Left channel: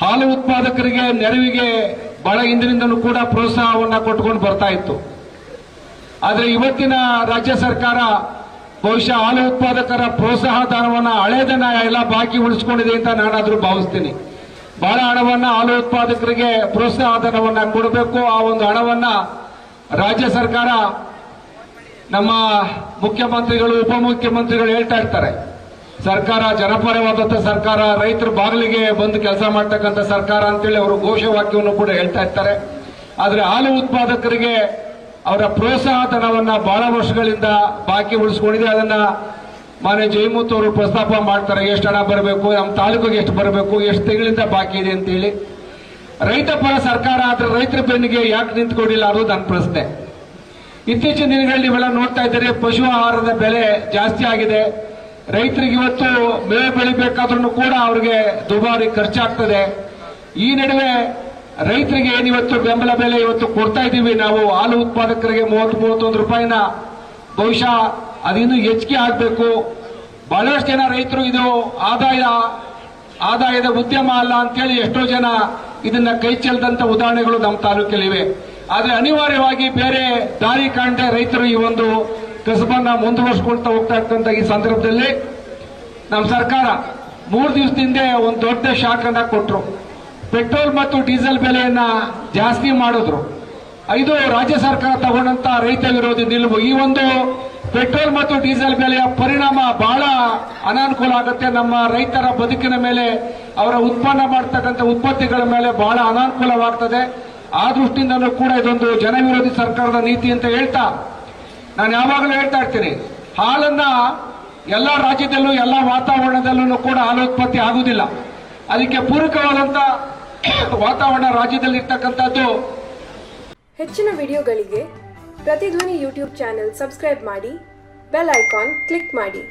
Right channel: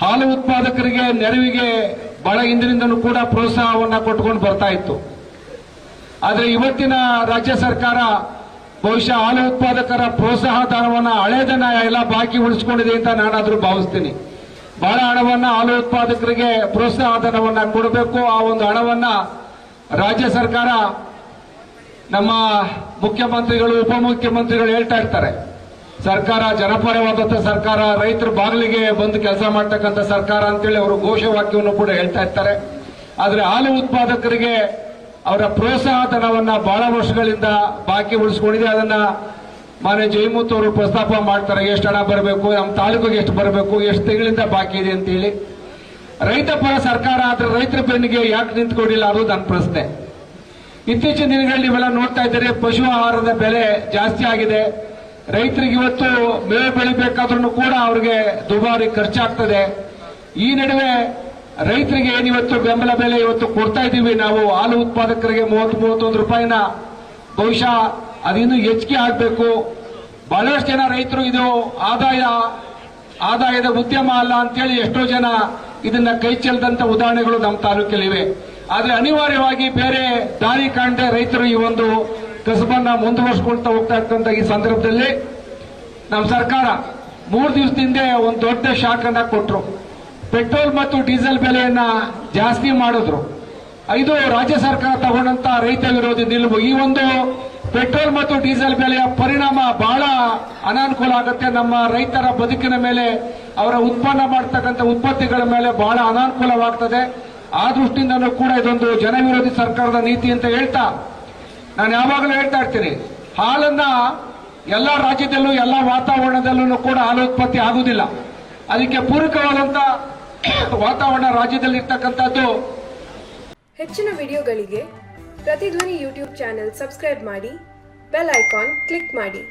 ಹಾಲು ಉತ್ಪಾದಕರಿಗೆ ನೆರವಿಗೆ ಬಹಳ ಹಿಂದಿನಿಂದಲೂ ಕೂಡ ಪ್ರೋತ್ಸಾಹವನ್ನು ಕೊಟ್ಕೊಂಡು ಬರ್ತಾ ಇತ್ತು. ಆದರೆ ಇವತ್ತಿನ ರಾಜ್ಯ ಸರ್ಕಾರ ಬಹುಶಃ ಹಾಲು ಉತ್ಪಾದಕರ ಪ್ರೋತ್ಸಾಹ ಧನವನ್ನು ಹಳೇದನ್ನ ಎಲ್ಲ ಬಾಕಿ ಉಳಿಸ್ಕೊಂಡಿದೆ ಅಂತ ನಾನಾದರೂ ಭಾವಿಸ್ತೀನಿ. ಬಹಳ ಹಣವನ್ನು ಹಾಲು ಉತ್ಪಾದಕರಿಗೆ ಪ್ರೋತ್ಸಾಹ ಧನವನ್ನು ಕೊಡಬೇಕು. ಆ ಒಂದು ಹಣವನ್ನು ರಾಜ್ಯ ಸರ್ಕಾರ ನಮ್ಮ ಮುಖ್ಯಮಂತ್ರಿಗಳು, ಉಪಮುಖ್ಯಮಂತ್ರಿಗಳು ಹೇಳ್ತಾ ಇರ್ತಾರೆ. ಸರ್ಕಾರ ಜನಪರವಾದಂಥ ಸರ್ಕಾರ, ರೈತರ ಬಾಗಿಲಿಗೆ ಬಂದು ಕೆಲಸ ಮಾಡ್ತಕ್ಕಂಥ ಸರ್ಕಾರ ಅಂತೇಳಿ ಅವರು ಘೋಷವಾಕ್ಯವನ್ನು ಕೂಡ ಹೇಳ್ತಾ ಇರ್ತಾರೆ. ಆದರೆ ಹಾಲು ಉತ್ಪಾದಕರಿಗೆ ಅವರ ಪ್ರೋತ್ಸಾಹ ಧನವನ್ನ ಬಹಳ ವರ್ಷಗಳಿಂದ ಬಾಕಿ ಉಳಿಸಿಕೊಂಡಿದೆ. ಅದನ್ನ ಮಾನ್ಯ ಜಯಮೂತ್ ಅವರು ಪ್ರಸ್ತಾಪ ಮಾಡ್ತಾರೆ, ಎಷ್ಟು ಹಣ ಬರಬೇಕು, ನಮ್ಮ ತಾಲೂಕಿಗೆ ಎಷ್ಟು ಬರಬೇಕು, ಎಷ್ಟು ತಿಂಗಳಿಂದ ಬಾಕಿ ಇದೆ ಅಂತೇಳಿ. ರೈತ ಪರ ಸರ್ಕಾರ ಆದ್ರೆ ರೈತರ ಬೆನ್ನಿಗೆ ಯಾಕೆ ನಿಂತ್ಕೊಂಡಿಲ್ಲ ಅನ್ನೋದು ನನ್ನ ಪ್ರಶ್ನೆ. ಇತ್ತೀಚಿನ ದಿನಗಳಲ್ಲಿ ಇವೆಲ್ಲ ನೋಡ್ತಾ ಇದ್ದಾರೆ, ಪಶು ಆಹಾರದ ಬೆಲೆ ಜಾಸ್ತಿ ಆಗಿದೆ. ರೈತರಿಗೆ ಇವತ್ತು ಮೇವು ಬೆಳಿಬೇಕಾದ್ರೂ ಕೂಡ ಅವ್ರಿಗೆ ದುಬಾರಿ ಖರ್ಚಾಗ್ತದೆ. ಈ ನಡುವೆ ರೈತರಿಗೆ ಏನಿವತ್ತು ಬೆಂಬಲ ಬೆಲೆ ಇವತ್ತು ಕೊಡ್ತಾ ಇದ್ದೀವಿ ನಾವು? ಹಾಲು ಉತ್ಪಾದಕರಿಗೆ ಮೂವತ್ತು, ಮೂವತ್ತೊಂದು ರೂಪಾಯಿನ ಬಹುಶಃ ಅದಿನ್ನೂ ಹೆಚ್ಚಿಗೆ ಆಗಬೇಕು. ಬಹಳಷ್ಟು ಜನ ರೈತರು ಇದು ಆದಾಯ, ಆದಾಯದ ಉದ್ಯಮ ಅಲ್ಲ ಅಂತೇಳಿ ಎಷ್ಟೋ ಜನ ಇದನ್ನ ಕೈ ಚೆಲ್ಲದಂತ ಉದಾಹರಣೆಗಳು ನಮ್ಮ ತಾಲೂಕಲ್ಲಿವೆ. ಆದರೆ ಅನಿವಾರ್ಯವಾಗಿ ಬೇರೆ ದಾರಿ ಕಾಣದೆ ರೈತರು ಈ ಒಂದು ಕಸಬನ್ನ ಮುಂದುವರಿಸಿಕೊಳ್ತಾ ಹೋಗ್ತಾ ಇರ್ತಕ್ಕಂಥ ಈ ಸಂದರ್ಭದಲ್ಲಿ ನಮ್ಮ ಸರ್ಕಾರ ಮೂರು ದಿವಸದಿಂದ ಒಂದು ದೊಡ್ಡ ಶಾಕ್ ಕೊಟ್ರು. ಪೆಟ್ರೋಲ್ ಮತ್ತು ಡೀಸೆಲ್ ಬೆಲೆಯನ್ನ ಜಾಸ್ತಿ ಮಾಡಿದ್ರು. ಇದು ರಾಜ್ಯ ಸರ್ಕಾರ ತಗೊಂಡಂತ ರೈತ ವಿರೋಧಿ ನಿಲುವು. ಈ ಒಂದು ಪೆಟ್ರೋಲ್ ಮತ್ತು ಡೀಸೆಲ್ ಬೆಲೆಯ ಪರಿಣಾಮ ಬಹಳ ಅನಾನುಕೂಲ ಆಗುತ್ತೆ. ನಮ್ಮ ರೈತರ ಬದುಕಿನ ಮೇಲೆ, ಅವರ ಉತ್ಪನ್ನ ಮಾಡ್ತಕ್ಕಂಥ ಉತ್ಪತ್ತಿಗಳ ಮೇಲೆ ಬಹಳ ಅನಾನುಕೂಲವಾಗ್ತದೆ. ಆ ದೃಷ್ಟಿಯಿಂದಲೂ ಕೂಡ ಇದೊಂದು ಜನವಿರೋಧಿ ಸರ್ಕಾರದ ನೀತಿ ಅಂತ ಹೇಳ್ತಾ ನಾನು ಯಾವಾಗಲೂ ಹೇಳ್ತಾ ಇರ್ತೀನಿ, ಹಾಲನ್ನ ಎಲ್ಲ ರಾಜ್ಯದಲ್ಲೂ, ಎಲ್ಲ ವಾತಾವರಣದಲ್ಲೂ ಕೂಡ ಹಾಲು ಉತ್ಪತ್ತಿ ಆಗುವುದಿಲ್ಲ. ಅದಕ್ಕೆ ಪೂರಕವಾದಂತ ವಾತಾವರಣ ರಾಜ್ಯದಲ್ಲಿ ಇರ್ತಕ್ಕಂಥದ್ದು ಹೆಚ್ಚಿನ ವಿಡಿಯೋಗಳಿಗೆ ಪ್ರತಿಧ್ವನಿ ಯೂಟ್ಯೂಬ್ ಚಾನೆಲ್ ಸಬ್ಸ್ಕ್ರೈಬ್ ಮಾಡಿ, ಬೆಲ್ ಐಕಾನ್ ಕ್ಲಿಕ್ ಮಾಡಿ.